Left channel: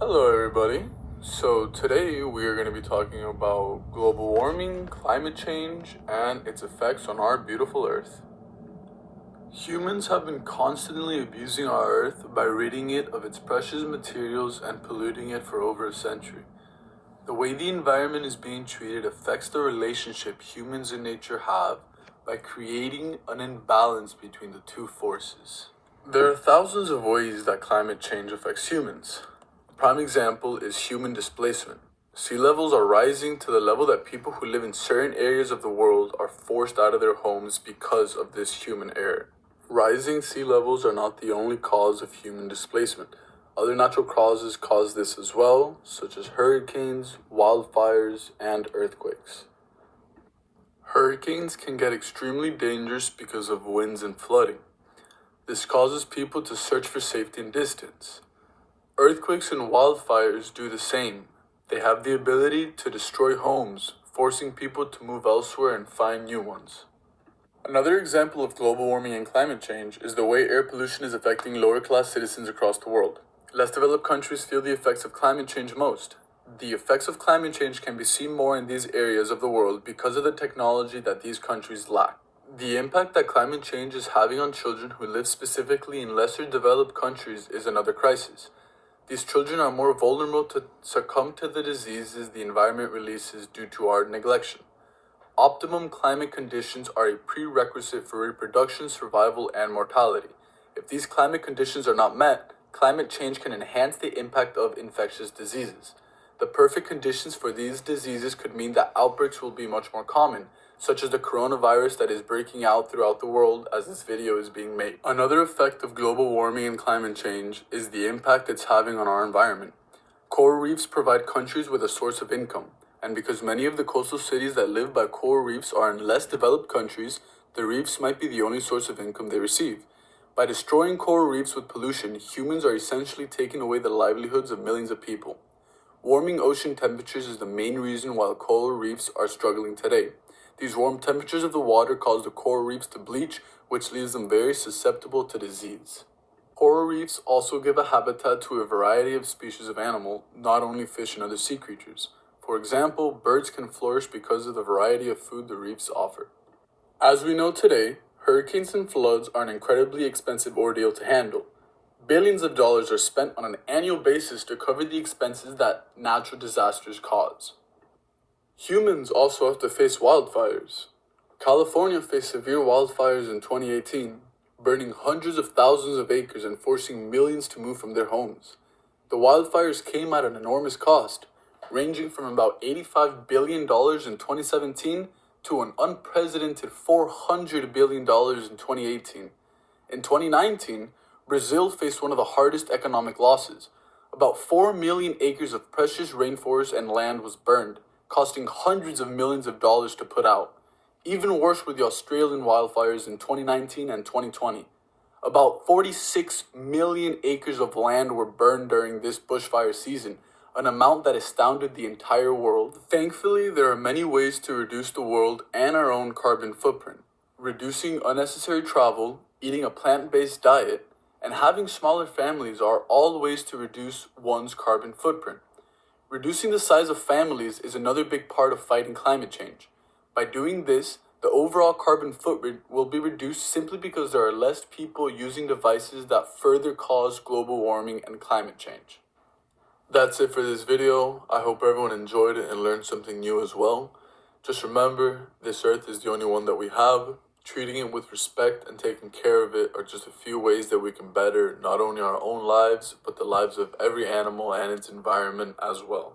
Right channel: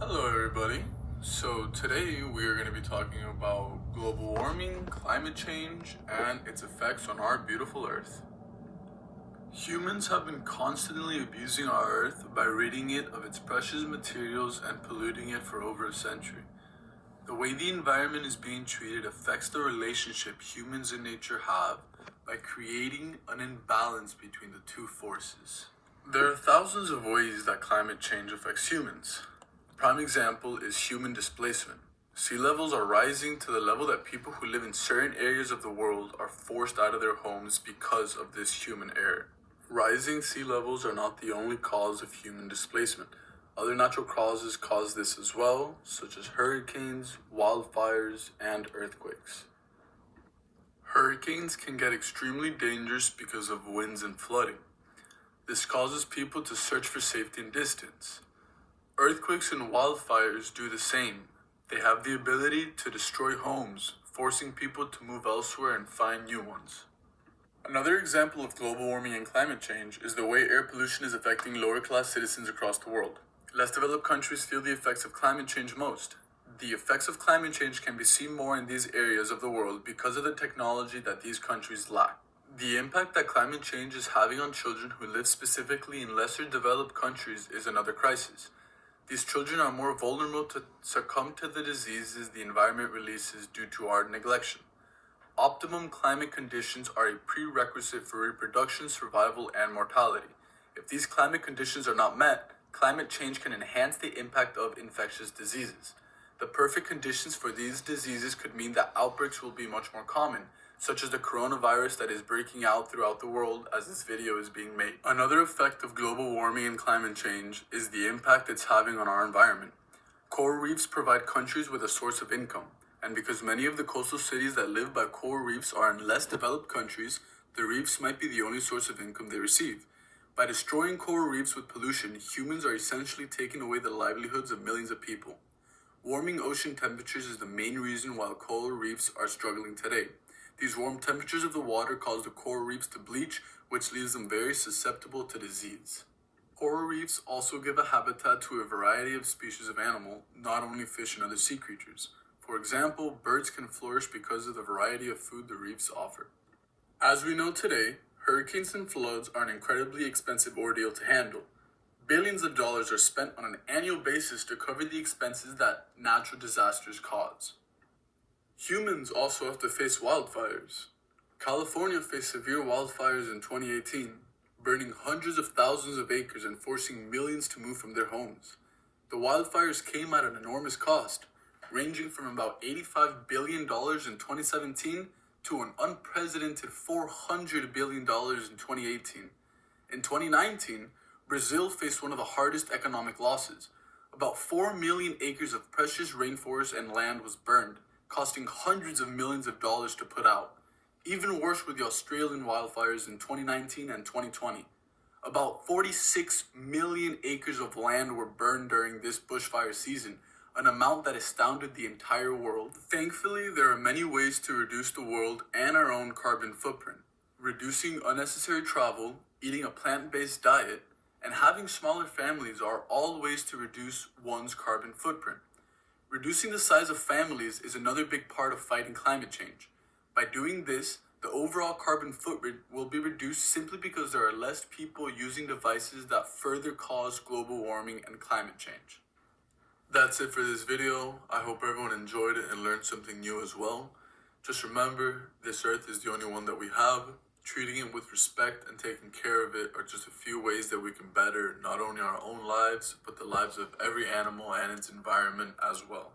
Hello, everybody. So, today we are going to be talking about global warming, climate change, and its effects on our beautiful Earth. Humans have been constantly abusing our Earth by ridding it of its precious materials and polluting it for over a century. The way the environment is being treated affects the relationship humans and nature have by creating an imbalance between the two forces. There are thousands of ways that climate change affects humans. A prime example is human displacement. Sea levels are rising to the level that people who live in certain areas of the world are forced out of their homes because of this human error. Rising sea levels are not the only cause of human displacement. Other natural causes cause this as well, such as hurricanes, wildfires, and earthquakes. Hurricanes can get extremely dangerous because of winds and flooding. This causes people to search for safety and distance. Earthquakes and wildfires do the same. They have the ability to destroy homes, forcing people to move elsewhere and find new ones. Another example of global warming and climate change is the way air pollution is affecting lower class citizens across the world. Less developed countries feel the effects of climate change most. The effects of climate change can be seen more in these areas of the world because of the technology that these countries lack. The impact that climate change is having on children who live specifically in lesser developed countries is another crisis. These children are more vulnerable to succumb to the diseases the environment releases due to our neglection. Optimum climate conditions are a prerequisite for reproduction, survival, and mortality. If these climate conditions are not met, climate change can enhance the impact of infectious diseases. The perfect conditions for these diseases could mean that outbreaks will be much more common, such as the coronavirus that is breaking out throughout the world as this video is being made. Another effect of global warming and climate change is the impact it's having on our environment. Coral reefs provide countries with a source of income, and because many of the coastal cities that live by coral reefs are in less developed countries, the reefs might be the only source of income they receive. By destroying coral reefs with pollution, humans are essentially taking away the livelihoods of millions of people. Warming ocean temperatures is the main reason why coral reefs are struggling today. These warm temperatures of the water cause the coral reefs to bleach, which leaves them very susceptible to disease. Coral reefs also give a habitat to a variety of species of animal, not only fish and other sea creatures. For example, birds can flourish because of the variety of food the reefs offer. As we know today, hurricanes and floods are an incredibly expensive ordeal to handle. Billions of dollars are spent on an annual basis to cover the expenses that natural disasters cause. Humans also have to face wildfires. California faced severe wildfires in 2018, burning hundreds of thousands of acres and forcing millions to move from their homes. The wildfires came at an enormous cost, ranging from about $85 billion in 2017 to an unprecedented $400 billion in 2018. In 2019, Brazil faced one of the hardest economic losses. About 4 million acres of precious rainforest and land was burned, costing hundreds of millions of dollars to put out. Even worse were the Australian wildfires in 2019 and 2020. About 46 million acres of land were burned during this bushfire season, an amount that astounded the entire world. Thankfully, there are many ways to reduce the world and our own carbon footprint. Reducing unnecessary travel, eating a plant-based diet, and having smaller families are all ways to reduce one's carbon footprint. Reducing the size of families is another big part of fighting climate change. By doing this, the overall carbon footprint will be reduced simply because there are less people using devices that further cause global warming and climate change. That's it for this video. I hope everyone enjoyed it and learned something new as well. Just remember, this earth is the only one that we have. Treating it with respect and taking care of it are just a few ways that we can better not only our own lives, but the lives of every animal and its environment as well.